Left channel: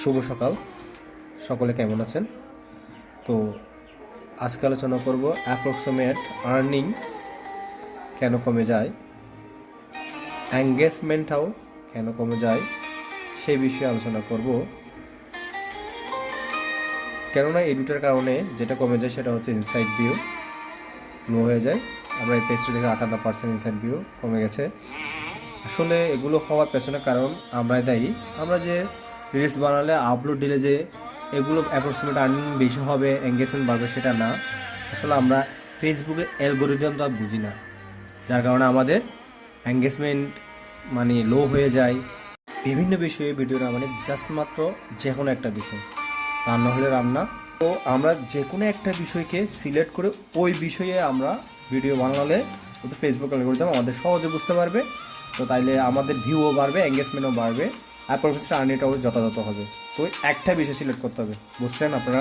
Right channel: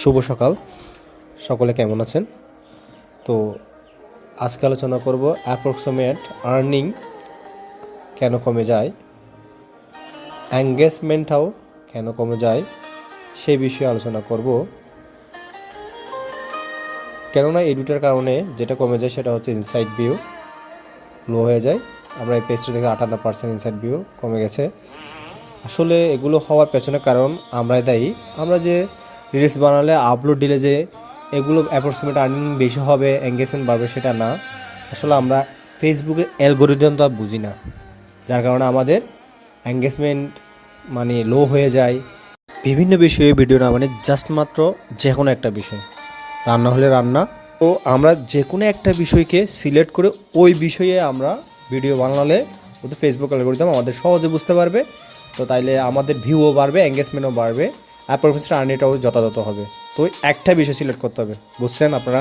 শুভ সকাল, সকলে কেমন আছেন? তো আজকে আলোচনা করব অ্যাপ্রক্সিমেট আর্নিং কেন কমে যায়, এঙ্গেজমেন্টটাও কেন কমে যায় সেই বিষয়ে আলোচনা করব। কেননা এই দুটার কারণে যেটা কমে যায় সেটা হচ্ছে ইনসাইড ভিউ লো হয়ে যায়। আমরা এই পেজটা দেখে 58% ইনসাইড ভিউ কমে গেছে। আসলে এগুলো হওয়ার পেছনে কারণ আমরাই দায়ী। আমরা যে রিলস বানালে আপলোড দিলে যে এগুলো অ্যাপ্রক্সিমেট আর্নিং বেশি হবে, এঙ্গেজমেন্ট বাড়বে, সেটা না। আসলে আমরা ফেসবুকের অ্যালগোরিদমটা বুঝি না, যার কারণে আমাদের এঙ্গেজমেন্ট মানে লো হয়ে যায়। বিভিন্ন বিষয়ে ভিডিও না, মানে জাস্ট মাত্র যে কোনো একটা বিষয়, রান্না হলে রান্না, তো আমরা যে কোনো একটা বিষয়কে সিলেক্ট করে ওই বিষয়ে আমরা ভিডিও বানালে ওদের ফেসবুক অ্যালগোরিদম আমাদের সহজে বুঝতে পারবে। তো তাইলে আমাদের ভিউও বাড়বে, এঙ্গেজমেন্টও বাড়বে, আর প্রফেসর আর্নিংটাও যথাযথ হবে। তো একটা বিষয় সিলেক্ট করতে হবে, বুঝছেন আপনারা?